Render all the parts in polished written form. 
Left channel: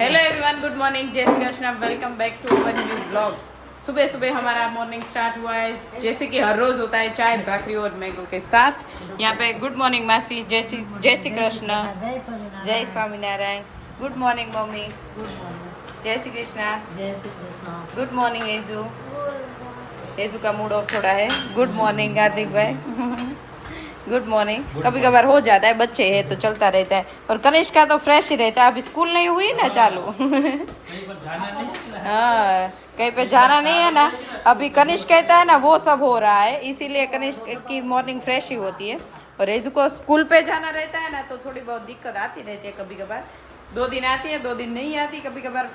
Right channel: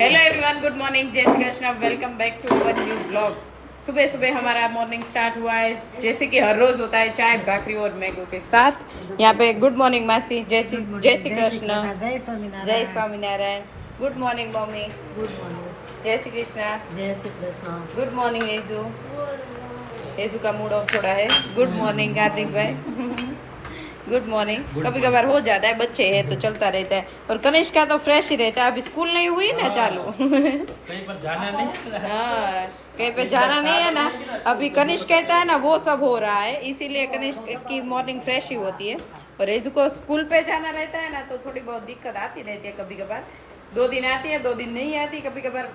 Hello everyone, good morning, जय Shri Krishna, welcome back to our new blog. सुबह सुबह हमारा मॉर्निंग स्टार्ट हुआ है जैसे कि हर रोज होता है, चाय भाकरी और मैंगो के साथ। यहाँ पे गुड मॉर्निंग मासी, जय श्री कृष्ण, जय Swaminarayan. Good morning mummy, good morning, जय श्री कृष्ण, जय श्री कृष्ण। गुड मॉर्निंग हेजू। हेजू का मूड ऑफ थोड़ा है। गुड मॉर्निंग हार्दिक भाई, गुड मॉर्निंग। कभी कभार हो जाता है, बच्चे हैं तो चलता रहता है। और कनिष्क का तो फ्रेश ही रहता है, अभी स्कूल नहीं हुई ना चालू। कहीं पर जाना नहीं है। हाँ, कहीं पे जाना नहीं है ना। अभी कनिष्क कहता है ना, वो सब हो रहा है, इसीलिए कनिष्क की मॉर्निंग फ्रेश ही होती है। और हेजू को स्कूल पे जाना रहता है ना, तो थोड़ी बहुत दिक्कत आती रहती है। कभी कभार 2 दिन आती है, 2 दिन नहीं आती, कभी कभार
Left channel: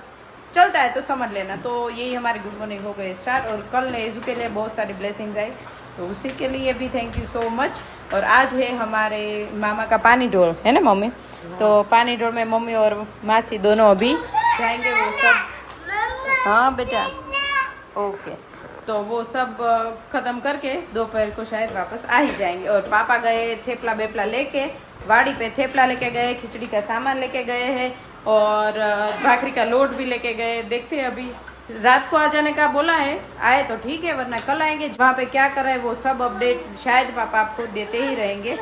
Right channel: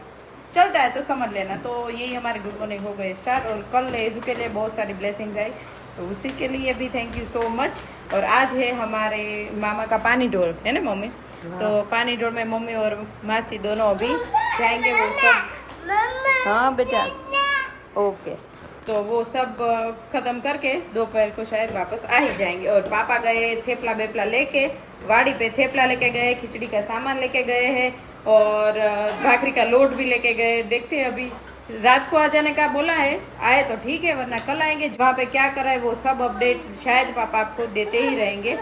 चलता है, तो समझ लेना। तो यही हमारी गुड मॉर्निंग हो गए स्टार्ट। और कल हेजू के लिए बहुत सारी ब्लेसिंग्स आई, तो उसी के लिए भी थैंक यू सो मच। और आज है हमारे मामा का पानी ढोल, है ना मम्मी? तो पानी ढोल में मम्मी और मासी दोनों अभी जाएंगे, वो सब। हाँ बेटा, ओके। तो वो सब खत्म करके दोपहर को शायद वापस आ ही जाएंगे। और पापा गए थेपला बेपला लेके, गाड़ी पे थेपला लेके गए, खिचड़ी का सामान लेके गए हैं, और भाकरी का लोट भी लेके गए। देखते हैं, अभी रात को आ जाने का बोला है, आए तो ठीक है, वरना कल आएंगे। वहाँ पे क्या कर रहे हैं वो सब अपडेट शायद पापा आपको देते ही रहेंगे।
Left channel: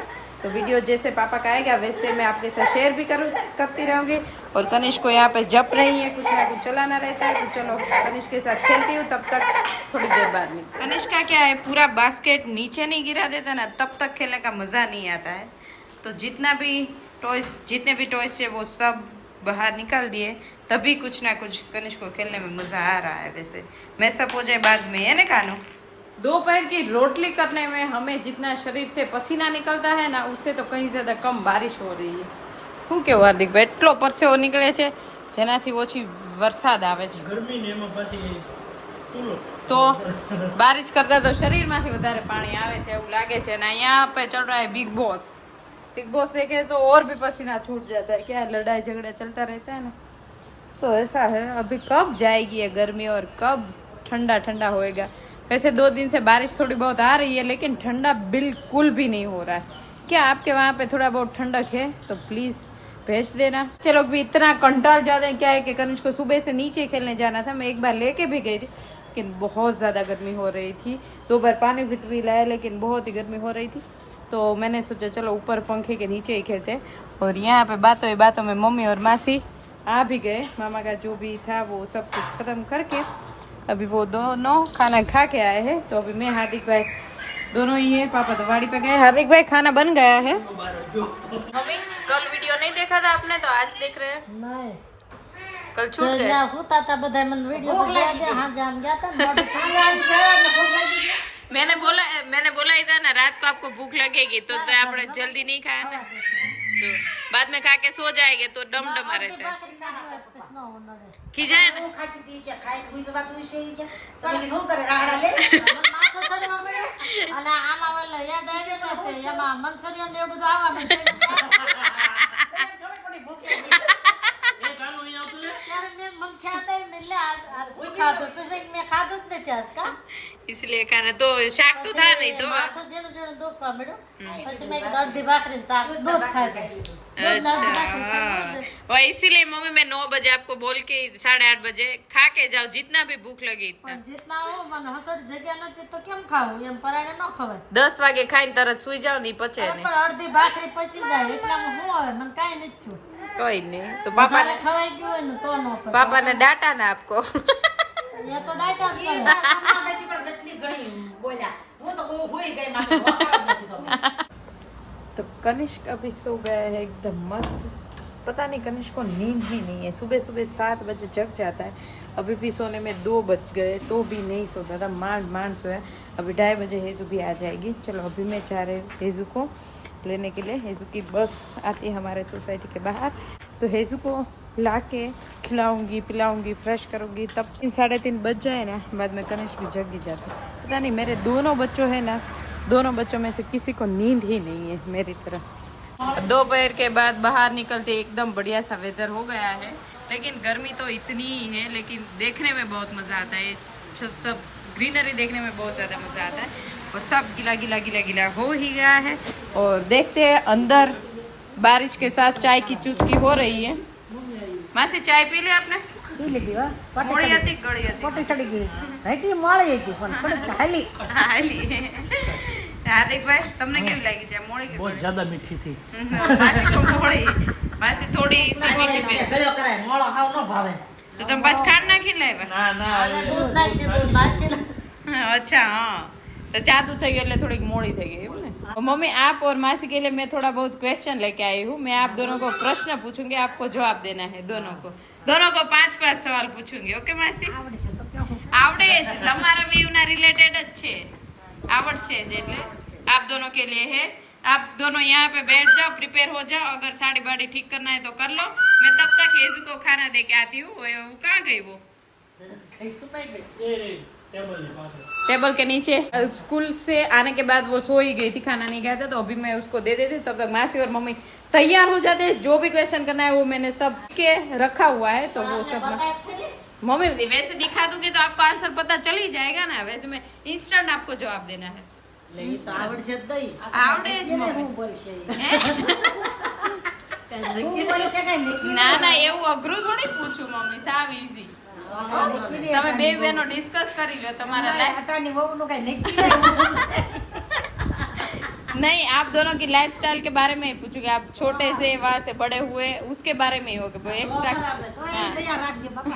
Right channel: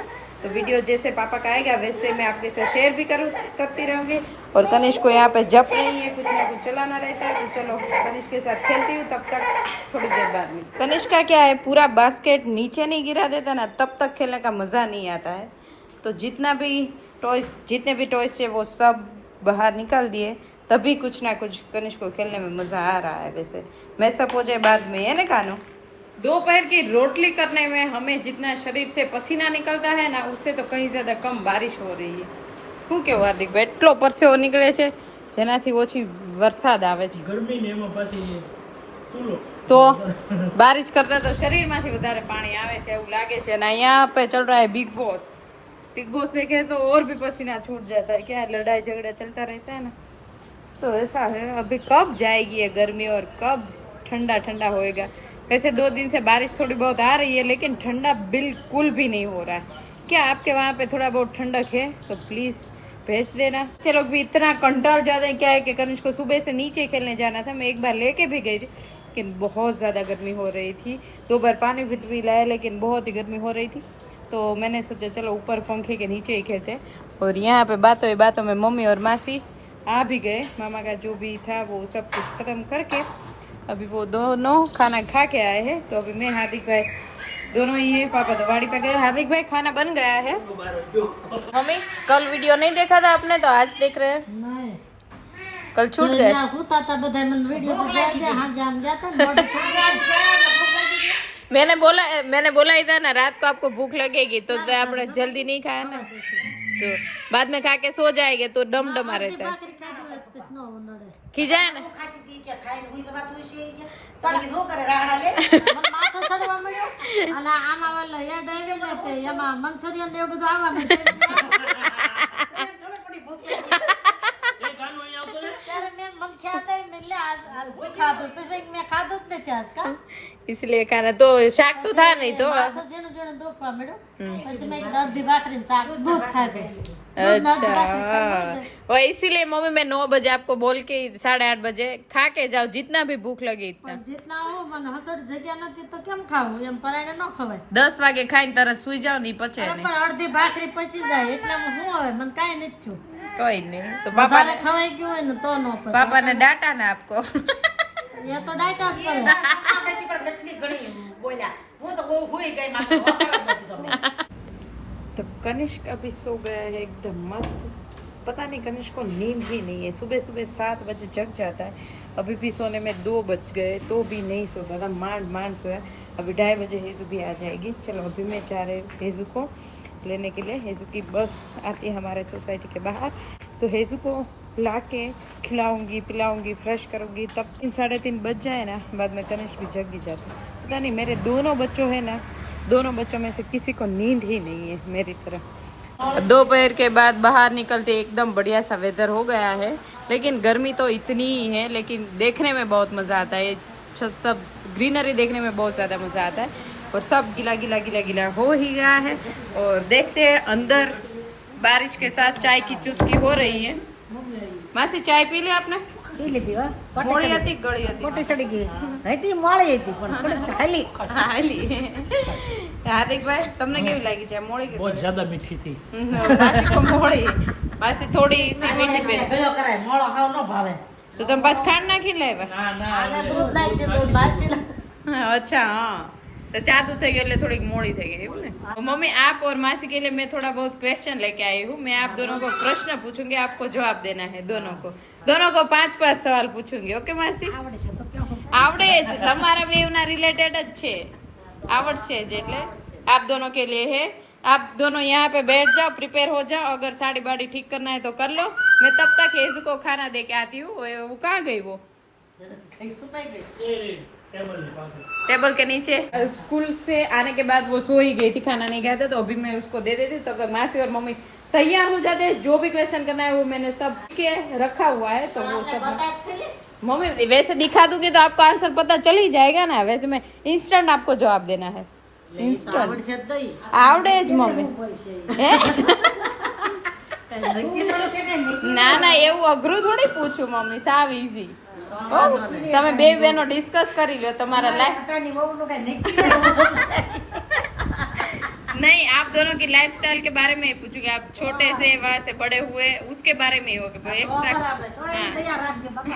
तो वीडियो जैसे पापा का आएगा वैसे मैं आपके साथ शेयर भी करती रहूँगी। और कनिष्क को यहाँ पे जप नहीं है, कुछ ना कुछ चलाना रहता है, तो चलो कनिष्क के साथ खेलती हूँ, तब तक थोड़ी देर बाद में। कनिष्क का क्या है, पूरा बास्केट नीचे नहीं गिरा देता ना, तब तक खेलने का मज़ा नहीं आता है। तो जितने भी टॉयज है वो सब बाहर निकाल दिए, तभी कुछ ना कुछ कनिष्क को खेलने में मज़ा आ रहा है। वैसे मैं सब हो जाए बाद में, है ना कानू? दोपहर की रोटली करने में हमें जितना शरीर से पसीना निकलता है ना, उससे तो कहीं ज्यादा कम बारिश हो रही है। શું કેવું હાર્દિકભાઈ, એટલો પરસેવો નીકળે છે જેનાથી ઓછી વરસાદ આવે છે। ગરમી ને એમાં પાછી ચૂલો તો બારિશ કરતા તો શરીરમાંથી વધારે પાણી આવે છે એવું લાગે છે। અને यहाँ पे चल रहा है बिग बॉस। बिग बॉस देखे तो और भी पसीना छूट जाता है, क्या लड़ाई झगड़ा चलता रहता है ना, तो ऐसा है। अभी कब जाएगी ये गर्मी और कब ठंडा ठंडा होएगा। वैसे 2 दिन से बारिश थोड़ी बहुत आ रही है, लेकिन ठंडा बिल्कुल भी नहीं हो रहा है। क्या आपके वहाँ पे थोड़ा बहुत ठंडक है तो प्लीज भेज देना। चलो भी इतना कंटाल जाते हैं। क्या है कि कनिष्क को सुबह से नीचे खेलने जाना था, मैं एक बार लेके भी गई थी, लेकिन बहुत ज़्यादा गर्मी हो रही थी। 2 बार पानी भी लाया, लेकिन बहुत ही गर्मी हो रही थी, तो मैंने सोचा चलो ऊपर पंखे के नीचे ही खेलते। और यहाँ पे बातों में मम्मी और मासी आ भी गए। मामा का जो भी था वो सब कुछ खत्म करके अभी वो दोनों खाना खा के आए हैं। तो अभी मैं हार्दिक भाई दोनों ही है, पापा तो वाड़ी पे गए। हार्दिक भाई खाना बन गया है। मम्मी कल वीडियो नहीं देखा था आपने, तो आज देख रहे हैं? नहीं, कल छूट गए। होता था बधाई मन वीडियो पे जा दे। हाँ जाम गया था बॉडी मैंने बोला ही था ना, रात को आपको भूख लगेगी तो आपने जल्दी नहीं खाया ना, तो बाद में खा के सो जाएंगे तो डमडमा रहता है। खिजाए ना इसलिए खाना तो शाक तो था नहीं तो। अच्छा, और इसीलिए मम्मी मैं 9 बजे आपको बोल के 8:30 बजे खा के जाओ, जितना भी भूख लगे इतना। जितना हो मन हसोड़ जग्या नथी तो केम खाવું એમ પરાણે ન ખવાય। 10 વાગે ખાઈને તરત સુઈ જાવ ને, પચે ને પણ અડધી ભાખરી પચી જાય એટલામાં હું હવે મને કાઈ નથી થયું। कोई नहीं, तो पापा ने ખવાઈ ગયું હોય ને તો ન પચે। पापा ने डांटा ना आपको। ये तो डाटा करे तो कनिष्क अभी सो गया है एकदम मस्त। पता नहीं कनिष्क को नींद ही नहीं है, सुबह सुबह 7 बजे जग जाता है। अभी भी सोने में 2 बज गए तो भी नहीं सोता था, માંડ सोया। अभी 2:30 बजे हेजू भी आ जाएगी। चलो अभी मैं जा रही हूँ हेजू को लेने के लिए। हेजू की बस आती है हमारे सोसाइटी के बाहर, तो हेजू को ला के खिलाऊंगी पिलाऊंगी फ्रेश करूंगी, तब 3-3:30 बज जाए ना, बाद में कनिष्क भी जग ही जाता है। पता नहीं मेरे दोनों बच्चों है ना, दोनों बच्चों में से किसी को नींद ही नहीं है मेरी तरह। दोपहर के बाद बाहर निकलते एकदम बढ़िया सा वेदर हो गया है, लेकिन गर्मी तो इतनी ही है, लेकिन देखने में बहुत मजा आता है। सब ग्रीनरी देखने में बहुत ज्यादा मजा आता है। और सब गीला गीला गीला गीला हो ही गया है। और देखते हैं अंदर बारिश के साथ चाय की चुस्की हो रही है। માસી ચાય પી લે આપને પી લીધી હો. મોડી હતી કે ગળી હતી કોટી સડી ગઈ હતી, મોળી હતી પણ થોડીક હાલી. હાલી હાર્દિકભાઈ તમને કેવી લાગી છે મોડી કે बहुत ज्यादा मीठी थी માસી તો મોડી માસી થોડી સીધી પી ગળ્યો કરાય મોળો હાવ ન ભાવે તો તમે પાછ ખાંડ નાખી લાવ્યા ना ना આને દૂધ નાખી દીધું બાસી अच्छा हाँ तो जादू થઈ ગયો એટલે થોડીક મોડી થઈ ગઈ એવું ને मम्मी आप और मासी के लिए मैं थोड़ा बहुत क्वेश्चन लेके आई हूँ मैं आप दोनों को प्रश्न पूछूंगी आपको जवाब देना है दोनों को 5 सवाल पूछूंगी ओके मासी આવડશે તો કેવું? આવડે જ તમારા બેવના રિલેટેડ જ છે આવડશે જ એટલે आप दोनों के लिए है आप दोनों यहाँ पे बैठ जाओ प्रिपेयर हो जाओ अगर साड़ी बाड़ी ठीक करना है तो कर लो मैं तब तक हेजू को खाना दे के आती हूँ वो कहाँ गई वो કઈ સુપાઈ ગઈ ये टेबल है पास में। टेबल के नीचे स्कूल से आने के बाद वो सो ही गई थी खाना नहीं खाया था तो अभी मैं उसको दे देती हूँ तब तक मासी और मम्मी तैयार हो जाते हैं जो भी क्वेश्चन करना है वो मैंने सब के रखा हुआ है तो वो सब मम्मी वैसे दिखा दूंगी तो आपको आंसर पता चल ही जाएगा ना वैसे मैं इंस्टेंट आपको जवाब देना है એટલે ઈ તો આવડશે જ નહીં आवड़े ज मम्मी બોલશે હે? હું બોલશે કે નહીં? ના ના એવું અઘરું થોડી પૂછું મમ્મી સાવ ઈઝી તમે બે બહેનો ડિસ્કસ કરી લો તમારા લાઈફ અટાની વહુનું કાંઈ નક્કી નહીં બોલશે. नहीं आप दोनों की लाइफस्टाइल के बारे में ही पूछूंगी आप छोटे से वहाँ से बड़े हुए उसके बारे में ही होगा एक्स्ट्रा તો એ તૈયાર રાખજે બાપા.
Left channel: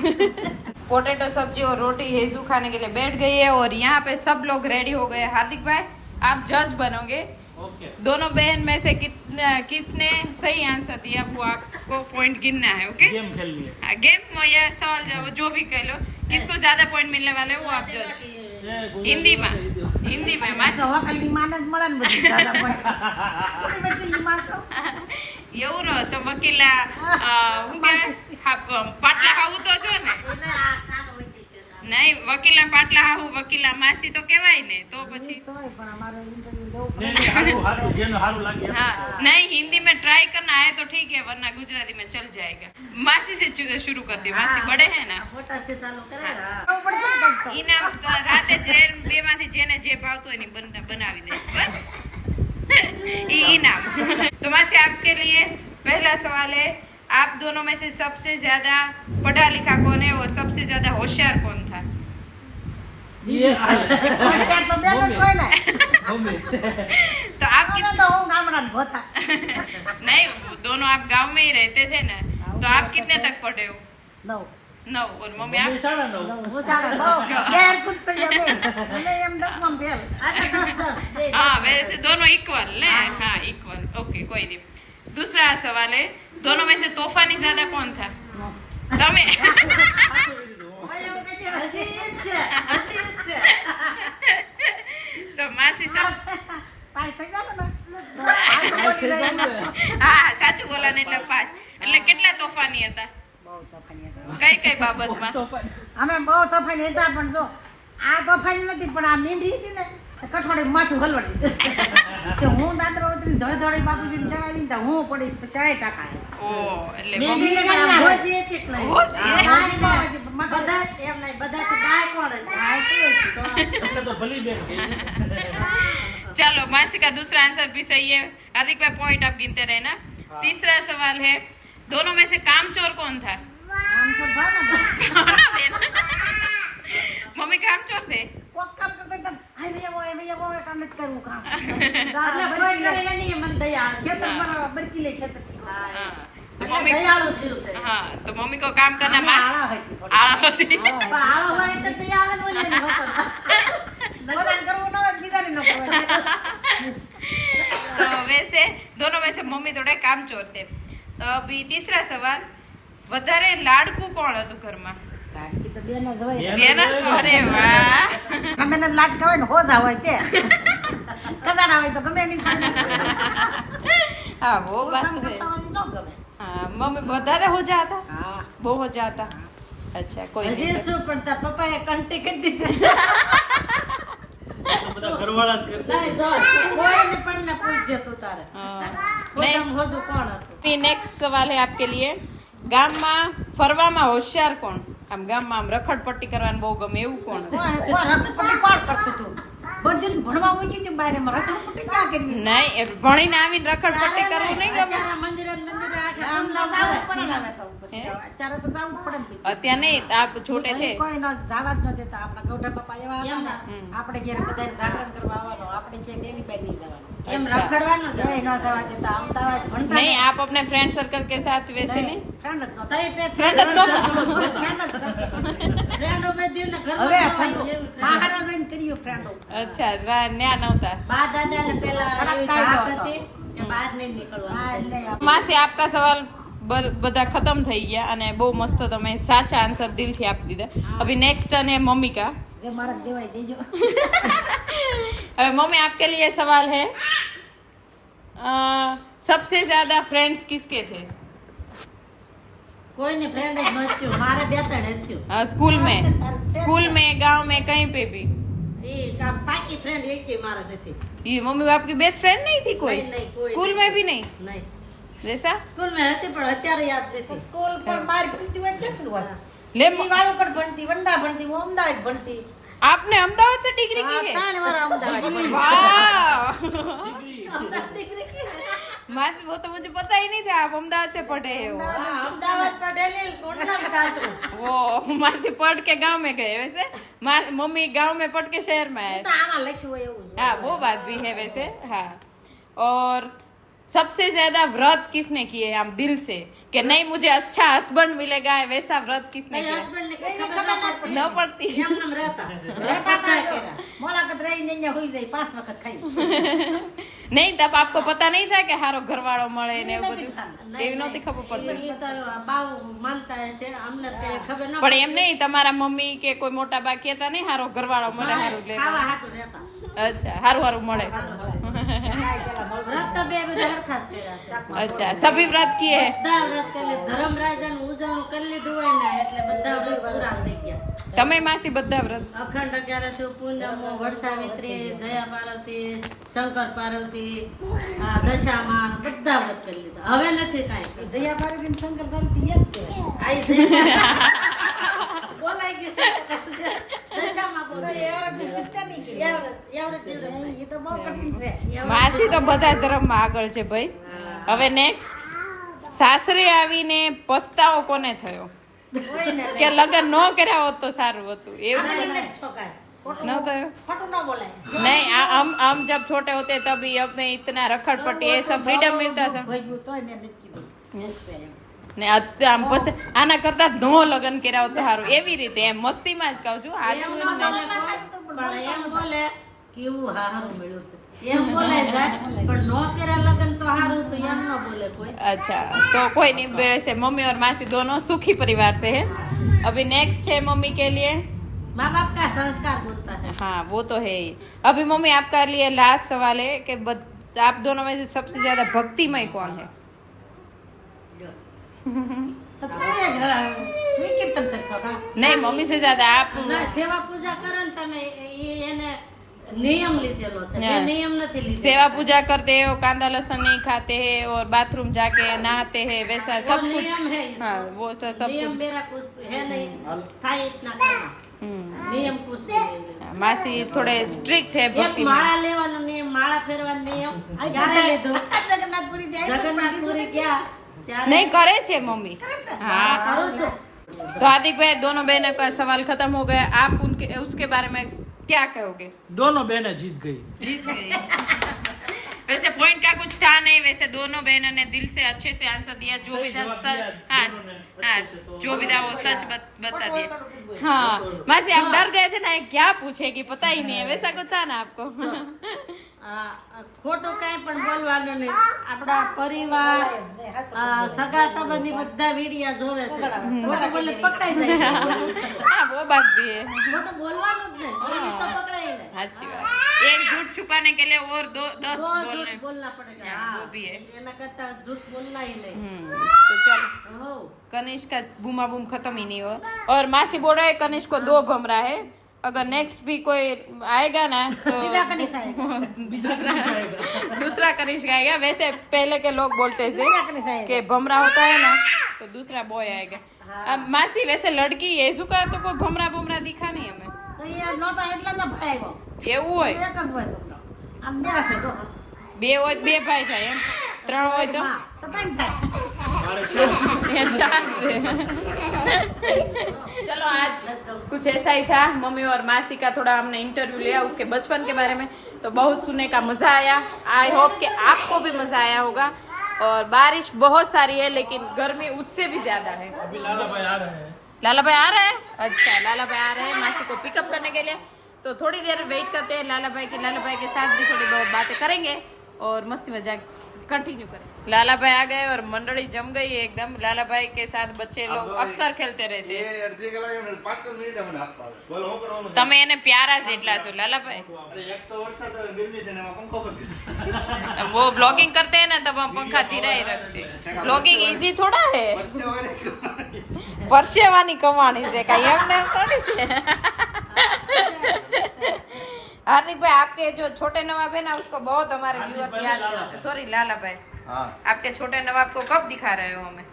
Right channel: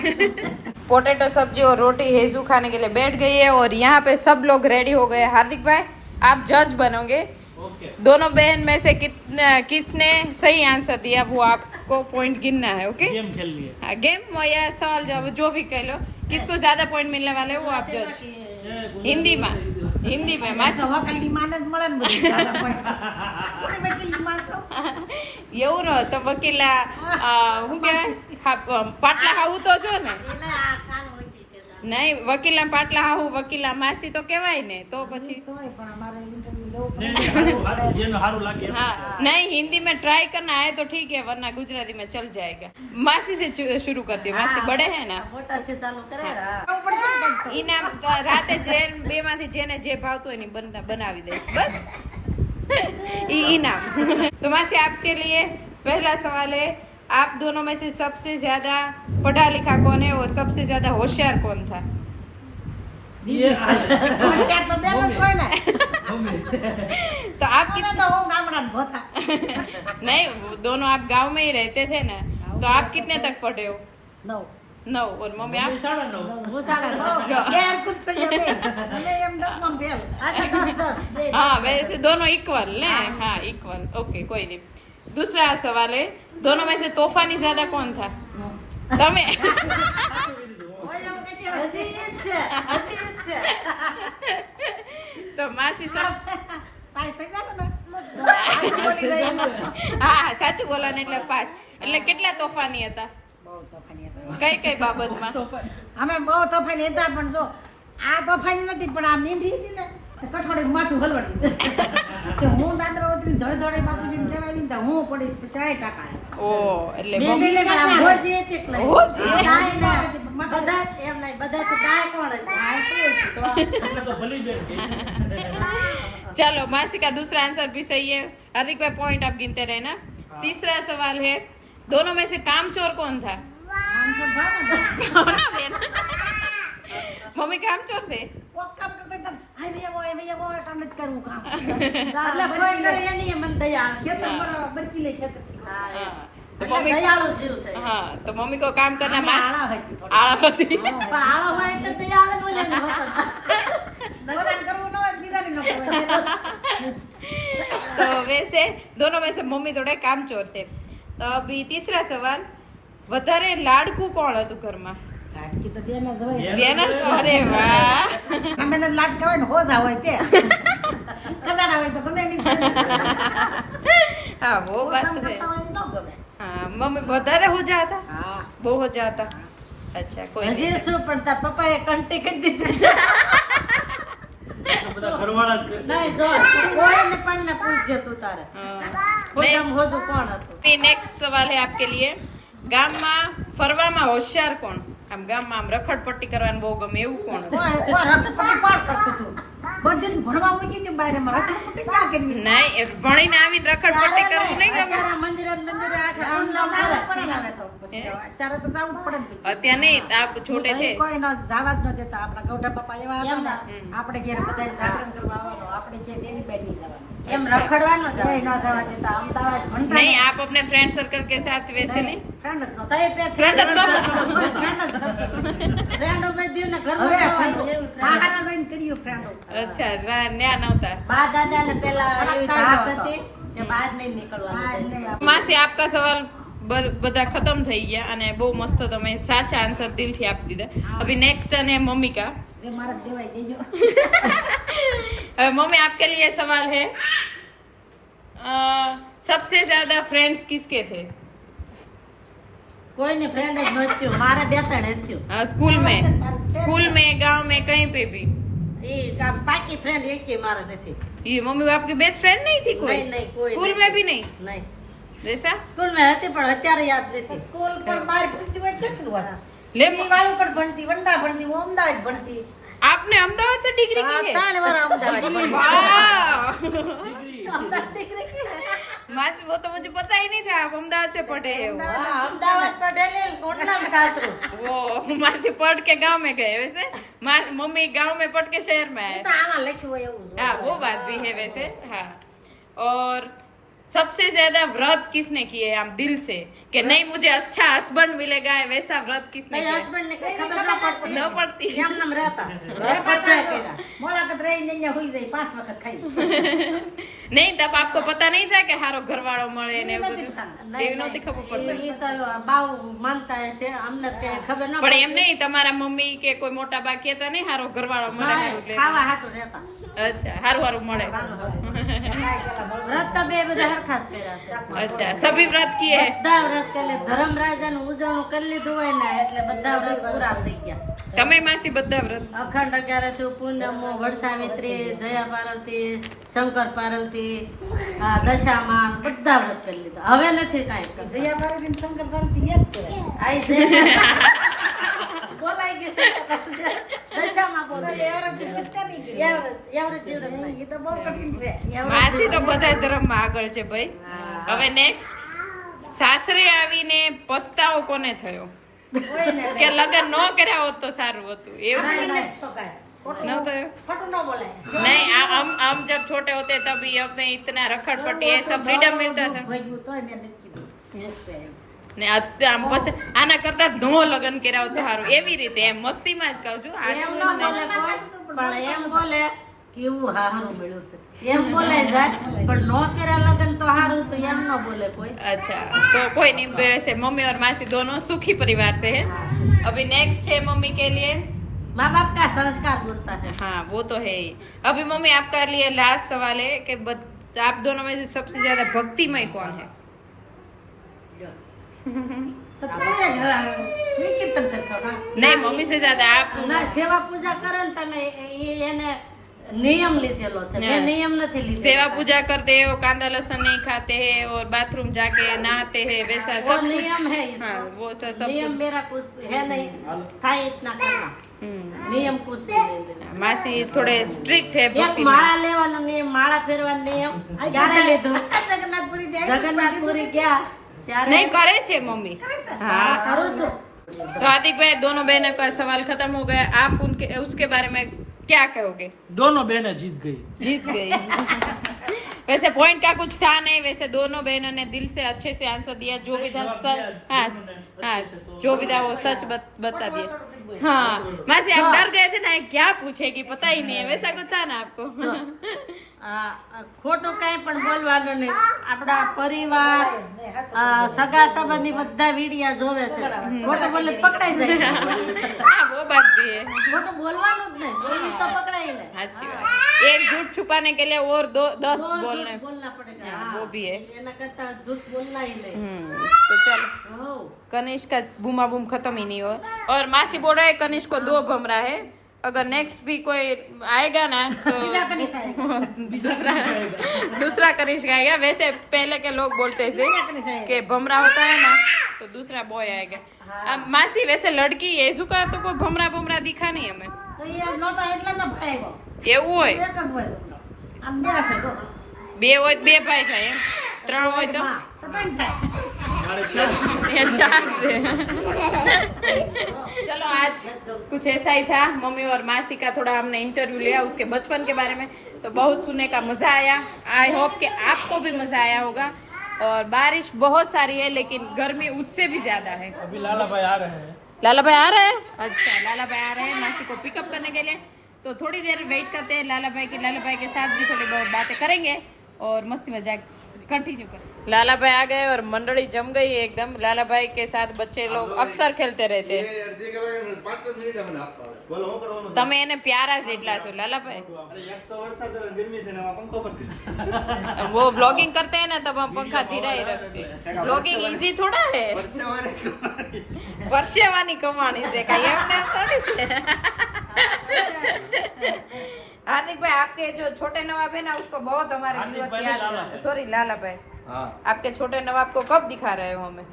पोटैटो सब्जी और रोटी हेजू खाने के लिए बैठ गई है और यहाँ पे सब लोग रेडी हो गए हैं हार्दिक भाई आप जज बनोगे ओके दोनों बहन में से किसने सही आंसर दिया वो आपको पॉइंट गिनना है ओके गेम खेल लिए हाँ गेम या सवाल जवाब जो भी कह लो किसको ज्यादा पॉइंट मिलने वाले हैं वो आप जज हिंदी में આ તો વકીલની માન જ મળે ને બધી દાદા પણ. થોડી વકીલની માન છો. એવું રહો તો વકીલા હું કે પાટલા હાવું તો છો ને નહીં વકીલા પાટલા હાવું વકીલા માસી તો કહેવાય ને તો પછી તોય પણ અમારે ઇન્ટરવ્યુ દેવું પડે. नहीं हारू हारू जेनो हारू लागे हाँ नहीं हिंदी में ट्राई करना है तो ठीक है वरना गुजराती में चल जाएगा मासी से शुरू करती हूँ मासी बड़े हैं ना મોટાથી ચાલુ કરે આવું પડશે ને કંઈક તો. इनाम राते બે માંથી જેને જે ભાવતું હોય ને बनावी दईश बस इनाम तो मासी आपके लिए पहला सवाल है आप दोनों में से सबसे ज्यादा पढ़ा लिखा कौन है और सबसे ज्यादा होशियार कौन था હોશિયાર તો બેન જ હોય ને. तो आप અમે તો હું ગામડાના ભોથા. नहीं दोनों आप गांव में ही रहते थे ना तो आप कितने तक पढ़े हो 9. 9 और मम्मी आप साढ़ा नौ હું સાડા 9. ગેર કુછ સહી અમે. અમે એમ 10માં ફેલ. આટલા 10 બે हाँ वैसे दोनों इक्वल ने हाँ इक्वल ओके कोई नहीं दूसरा सवाल है दोनों में से तोफानी ज्यादा कौन था तमे ઓય એવું કહી દે. હજી ઈ જ છે હજી ઈ જ છે तो मासी सब પાસ થઈ જાવ ને. આ તો બોલી જાય ને. હા સાચું બોલા ને એટલે 5 એટલે કેટલા તોફાની હતા બહુ તોફાની હતા. કઈ બાબતમાં અમે બહુ તોફાની હતા પણ જો આ તોફાની નથી પણ આ મીંઢી હતી ને તો કઠોળે માથું હલવાડી દીધું કે હું દાદરો ઉતરી ધોળી ધોળી બાપુજીને જમાવી ને તો હું પડી 60 ટકા આવ્યા. ઓ એટલે મીંડી મમ્મી એટલે આ હોજી હતી એટલે. હોજી. આ ડાય ના, ના. માથું- બધા એમ નહીં બધાથી ડાય કોણ હતી? આ કેવું હતું? એટલે તો ભલી બેન ગઈ चलो मासी का दूसरा आंसर भी सही है हार्दिक भाई पॉइंट आप गिनते रहना तीसरा सवाल है दोनों में से कामचोर कौन था આમ છે ભાવના બેન. कौन है बेन? मम्मी कामचोर थे કોક કામ કરતો એકદમ હાય ભૈયા વો કામ નથી કરવું કામ. એટલે કોઈ કરી લે નહીં, મને દયા આવે. ખેતર પર બરકી લે ખેતરથી. હા, એ. हाँ तो એટલે मम्मी દયાળુ જીવ છે. हाँ तो मम्मी को काम करना આમે मास આળા હતી થોડી. आड़ा होती પણ આળો હોય એટલે દયા આવે ને ઓલી વતન. બધાને કરવું ન હોય બીજાને ન કરવું. तो वैसे दोनों में से मम्मी थोड़े कामचोर थे तो अभी तीसरा सवाल વધારે લાડકું કોણ હતું ઘરમાં લાડકી તો બેન જ હોય. બેન જ? અરે વાહ અમે ને લાડકા હોય ને હોજા હોય તે કજાડા હોય તો ગમે નહીં. हाँ वो बात કામ तो है કરતા હોય તો ન ગમે. हाँ मम्मी વધારે हो जाता હા બહુ हो जाता अच्छा कोई હજી नहीं। શું પણ તાર પપ્પાએ કંટી કરી દીધી છે. તો બધા ઘરવાળા જ કરતા નહીં, જો કોઈને પણ ને પૂછજે તું તારે हाँ। હોજામ હોજું કોણ હતું? अभी नेक्स्ट सवाल है आपके लिए ગામમાં ફરવામાં હોશિયાર કોણ આમ ગામમાં આમ રખડપટ્ટી કરવાનું બહુ ગમે એવું કોણ હતું? કોણ રખડપટ્ટી કોણ કરતું હતું? બધું ભણવા મૂકી છે બહાર એમાં રખડપટ્ટી ના કરવી નહીં, એ ભણીને આવીને રખડપટ્ટી કરવું નહીં ગમે. અત્યારે મંદિરે ને મંદિરે આખે આમ આમ ના લાવ જવું પડે ને હવે તો પછી અત્યારે તો જવું જ પડે ને અત્યારે નહીં, આપ છોટે અહીં છે. કોઈ ન જવા જ ન દેતા આપણા ગૌઢા પપ્પા એવા હતા ને આપણે ઘેર બધાને જાગરણ કરવા આવવાનો આપણે ઘેર એની બાઈ નહીં જવાનું એમ રખડવાનો જ એ ન જવા દેતા અમદાવાદ ભણતા नहीं, आप अपने फ्रेंड सर्कल के साथ वैसे नहीं. ફ્રેન્ડ જ નહોતા. તઈ પે ફ્રેન્ડો બધું ને ઘરમાં હવે જવાનું એવું friend. બહાર જઈને કર્યું ફ્રેન્ડો अच्छा, न्या नव्हता. બા દાદા ને પેલા એવી ધાક હતી કે બહાર નહીં નીકળવાનું માસી, આપકા સવાલ બધા ખતમ થઈ ગયા અને બહુ મસ્ત તમે સાચા આન્સર દિલથી આપી દીધા. અભી નેક્સ્ટ ટર્ન है मम्मी का. જે મારા દેવાય દેજો अभी मम्मी आपके लिए सवाल है, सबसे ज्यादा फ्रेंड्स किसके थे કોઈને ફ્રેન્ડ જ નહોતું મારે બે ત્રણ હતું स्कूल में गांव में कहीं पे भी. એ આમ પાકી ફ્રેન્ડ એકે મારે નથી ये मम्मी बाप की बेस्ट फ्रेंड नहीं थी कोई? नहीं, कोई स्कूल नहीं। में भी नहीं નહીં जैसा. સ્કૂલ માં હતી પણ અત્યારે યાદ નથી સ્કૂલ પણ બહાર ભણતી હોય કેટલું હોય ले ઈ વાળું પણ ભણતી વંડા ભણતી હું અમદાવાદ ભણતી आपने अहमदाबाद से डिग्री की है? 3 વાર અમદાવાદ ભણી. वाह અમદાવાદ દીકરી કે मासी, वो तो मुझे पता ही नहीं था आप अहमदाबाद से पढ़े हो. હા, અમદાવાદ પટેલ કોટનામ સાસરું वो मासी पढ़ के गांव में गए वैसे. मम्मी गांव में पढ़ के शहर में आए. તો આમાં લખ્યું હોય એવું છે. हाँ, वो बात भी है वैसे. हाँ, और सबसे ज्यादा व्रत किसने किए हम दिल से कि नहीं मुझे अच्छा हस्बैंड मिलेगा, वैसा व्रत किसने નહીં किया? હસબન્ડ ને કઈ ખબર ન પડતી न पड़ती. એમ નામ રહેતા રહેતા બધા હતા. કર્યા. મુલાકાત રહીને અહીંયા હોઈ જાય 5 વખત ખાઈ नहीं, तब आपको पता नहीं था कि हारो घरवाળો મળે ને એવું નથી બધું? ખાતા. એવી નહોતી ખબર પડતી. એ તો બાવ માનતા હશે અમને કઈ ખબર ન પણ એમ નહીં, તમારા મમ્મી કે કોઈ મોટા બા કહેતા નહીં હારો ઘરવાળો મળે હારું પડતી. લે. ખાવા હાટું રહેતા અચ્છા, હારું હારું મળે. વ્રત તો બે બધા હરખા જ કર્યા છે અચ્છા, સભી વ્રત કિए हैं. બધા વ્રત કરી ધર્મરાજાનું ઉજવણું કરી લીધું હોય ને એટલે બધા વ્રત પૂરા થઈ ગયા તમે માસી બધા વ્રત? અખંડ અગિયારસો પૂનમો વડસાવિત્રી જયા પાર્વતી શંકર પાર્વતી દશામાં બધા વ્રત કરી લીધા હવે નથી કાંઈ કરતા. જયા પાર્વતી ને શંકર પાર્વતી એક કહેવાય. આઈ છે. બોલાઈ ગયું શંકર પાર્વતી. દશામાં તો બોલાઈ એ વ્રત જીવતા નહીં કર્યું. એવરેજ જીવડે નહીં. એ તો બહુ કઠિન છે માસી તો બધા ધર્મમાં આગળ છે ભાઈ. હવે નેક્સ્ટ, સાસરે આવીને પસ્તાવો કોને થયો કોઈને કે લગ્ન ન કર્યા હોત તો સારું હતું? એવું આપણને જ ઠોકાય. ખોટું ન થયું? ખોટું ન બોલાય. नहीं, हम जब छोटे होते तभी हमें इतना रखड़पट्टी ये सब फ्रीडम मिलता था. ભોગવ્યું તોય મેં નથી કીધું. ઠીક છે એમ. ને આમ પછી આના કરતા નો લગ્ન કર્યા હોત તો સારું. એવી રીતે એમ મસ્તીમાં જ કહું છું. આ એમ છું ન બોલે કોઈ, પણ એમ બોલે કે એવું હારું મળ્યું છે એમ બોલે જાય પણ નો કર્યા લગન તો હારું તો એમ ન બોલે કોઈ अच्छा, तो कोई नहीं, वैसे मम्मी और मासी दोनों सुखी परिवार से है. अभी नेक्स्ट है मम्मी के लिए. माँ बाप का संस्कार बोलता है हाँ, वो तो है ही. अभी मम्मी आपका लिए लास्ट सवाल है कि आप दोनों में से सबसे ज्यादा भक्तिमय कौन है? તો તે ઘણા તું કીર્તન કરશો કા नहीं, मम्मी से ज्यादा आप. ના સેવા પૂજા કરો ને તમે એને નિયમ લીધેલો છે મેં નિયમ નથી લીધેલો सेवा पूजा करते हैं और कांदा लहसुन नहीं खाते हैं और बाथरूम जाके नहाते हैं, वैसा वो सब कुछ. नियम है इसका। हाँ, वो सब नियम कुछ. मेरा कुछ है नहीं था इतना करना નિયમ कुछ भी नहीं लेना मासी थोड़े स्ट्रिक्ट है એક भक्ति में. માળા લેવાનો નિયમ માળા ફેરવાનો નિયમ ક્યારે લીધો જગન્નાથપુરી જાય જગન્નાથપુરી ગયા ત્યારે नहीं करे छे मम्मी. हाँ, કરું છું तो हार्दिक भाई, दोनों बहनों का सवाल खत्म हो गया. आप उनके उसके बारे में क्या कहोगे? दोनों बहनें जीत गई. जीत गई. वैसे पॉइंट का कुछ था नहीं. वैसे दोनों बहनों ने दिल से अच्छे से आंसर दिया. जो भी था सच. हाँ, हाँ, जो भी था वो सच बता दिया. हाँ मासी, आप डर गए थे ना क्या पूछेगी पता ही नहीं है, वैसा कुछ था ना आपको? ખોટું કઈ પણ બોલવાનું નહીં આપણા પરિવાર સગા સંબંધી બધા વિડિયા જોવે છે ખોટું બોલે તો પકડાઈ જાય हाँ, वो बात भी है. ખોટું બોલવાનું જ નહીં બોલવી તો પકડાઈ ને अच्छी बात. एक झूठ छुपाने के लिए और 10 तो बोलने. झूठ बोलना पड़ेगा हाँ, वो भी है. એના કરતા झूठ बोलना ही नहीं तो चलो, हो कनिष्क का बूमा बूम खत्म ही नहीं हो. और मासी बोल रहा है कनिष्क को 2 भमरा है. अगर नेक्स्ट भी कोई आएगा ना तो दूसरा कनिष्क आएगा. वैसे पहले के लोग बोलते थे कि भमरा होता है ना तो दूसरा बॉय आएगा. मासी वैसे लड़की है इसका तो कोई भमरा भमरा दिखा नहीं हमें તો એ નહોતા એટલે જ ભાઈ આવ્યો એવું હોય એક જ હોય તો આમ બે છે જો બે હોય તો બે ભાઈ થાય એમ 3 હોય તો હા તો ત્રણ થાય ये चार से चलो आज कुछ ऐसा ही था मम्मी और मासी का थोड़ा हमने इंटरव्यू लिया उसके बचपन के बारे में तो बहुत सुनने का मजा आया आई होप कि आपको भी मजा आया होगा और बारिश बहुत सारी है लेकिन गर्मी उससे भी ज्यादा है अभी लाला भाई आ रहे हैं लाला भाई आ रहे हैं अच्छा लाला भाई आ रहे हैं मासी को पिकअप करने के लिए तो थोड़ी देर वेट करते हैं लाला भाई के साथ भी थोड़ी बहुत बातें करेंगे और मस्ती मजाक कंटिन्यू करें लाला भाई आ गए और मंडली जम गई एकदम लाला भाई के साथ बच्चे लोग अक्सर खेलते रहते हैं તમે એને પ્યારા જેટલા છો લાલા ભાઈ वो ब्लॉगिंग करते हैं ना तब हम पंखा धीरा ही रखते ब्लॉगिंग इजी थोड़ा है परसेवानी कमानी से कहीं हमने थोड़ी से हार्दिक भाई आपके जो छोटे नवाब है ना उसको बहुत हमारे व्यूअर्स याद करते हैं सॉरी लाला भाई आपके छोटे नवाब को कब दिखा रहे हो हमें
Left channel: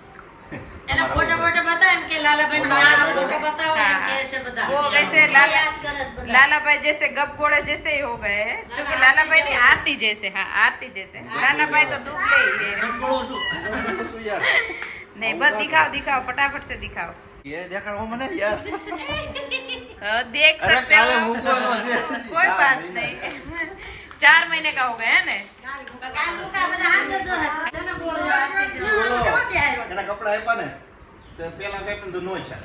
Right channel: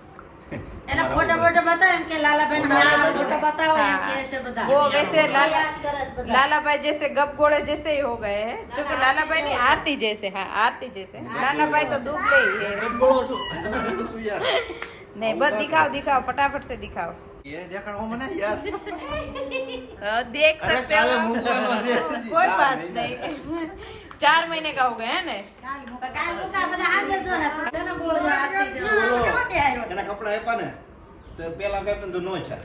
એના ફોટો બતાવે એમ કે લાલાભાઈ નો યાર ફોટો બતાવો એમ કે છે બધા वो वैसे लाला યાદ કરે છે બધા लाला भाई जैसे गप गोड़े जैसे ही हो गए हैं जो कि लाला भाई नहीं आरती जैसे हाँ आरती जैसे लाला भाई तो दुबले ही है બોલો શું नहीं बस दिखाओ दिखाओ फटाफट से दिखाओ ये देख रहा हूँ मैं यार देख सकते हो कोई बात नहीं 4 महीने का हो गया है ना કાલ મુકા બધા હાજર જો તને બોલો એના કપડા આપ્યા ને તો પેલા કઈ પણ તો નો છે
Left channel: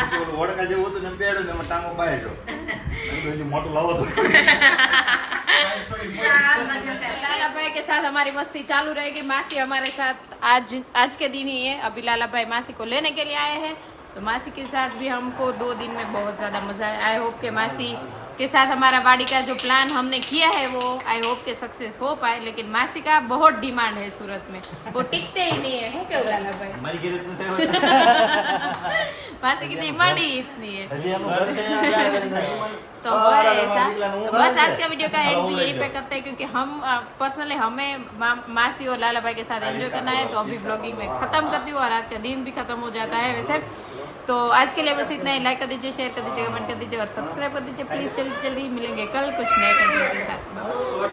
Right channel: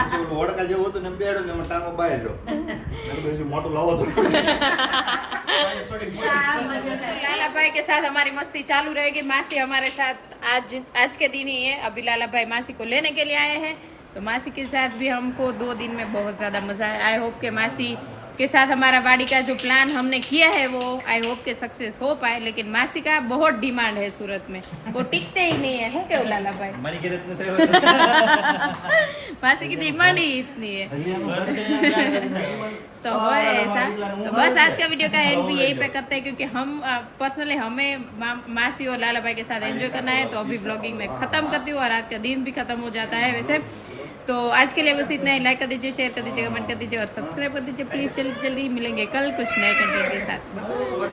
પછી ઓલું વડકા જેવું હતું ને બેડ્યો ને એમાં ટાંગો બાયડો મોટું લાવો તો लाला भाई के साथ हमारी मस्ती चालू रहेगी मासी हमारे साथ आज के दिन ही है अभी लाला भाई मासी को लेने के लिए आए हैं तो मासी के साथ भी हमको 2 दिन में बहुत ज्यादा मजा आया आई होप के मासी के साथ हमारा वाड़ी का जो प्लान हमने किया है वो आई होप के सक्सेस हो पाए लेकिन मासी का बहुत डिमांड है सूरत में वो टिकते ही नहीं है हूँ क्यों लाला भाई મારી ઘરે જ નથી मासी की डिमांड ही इतनी है तो वो है ऐसा तो बस आज का वीडियो का एंड भी यही पे करते हैं क्योंकि हम पर्सनली हमें मासी और लाला भाई के साथ एंजॉय करना है तो अभी ब्लॉगिंग में खत्म करती हूँ और आज का दिन भी खत्म हो जाता है वैसे तो आज के लिए बस इतना ही लाइक कर दीजिए शेयर कर दीजिए कमेंट कर दीजिए और सब्सक्राइब कर दीजिए प्लीज जल्दी जल्दी मिलेंगे कल कुछ नए कंटेंट के साथ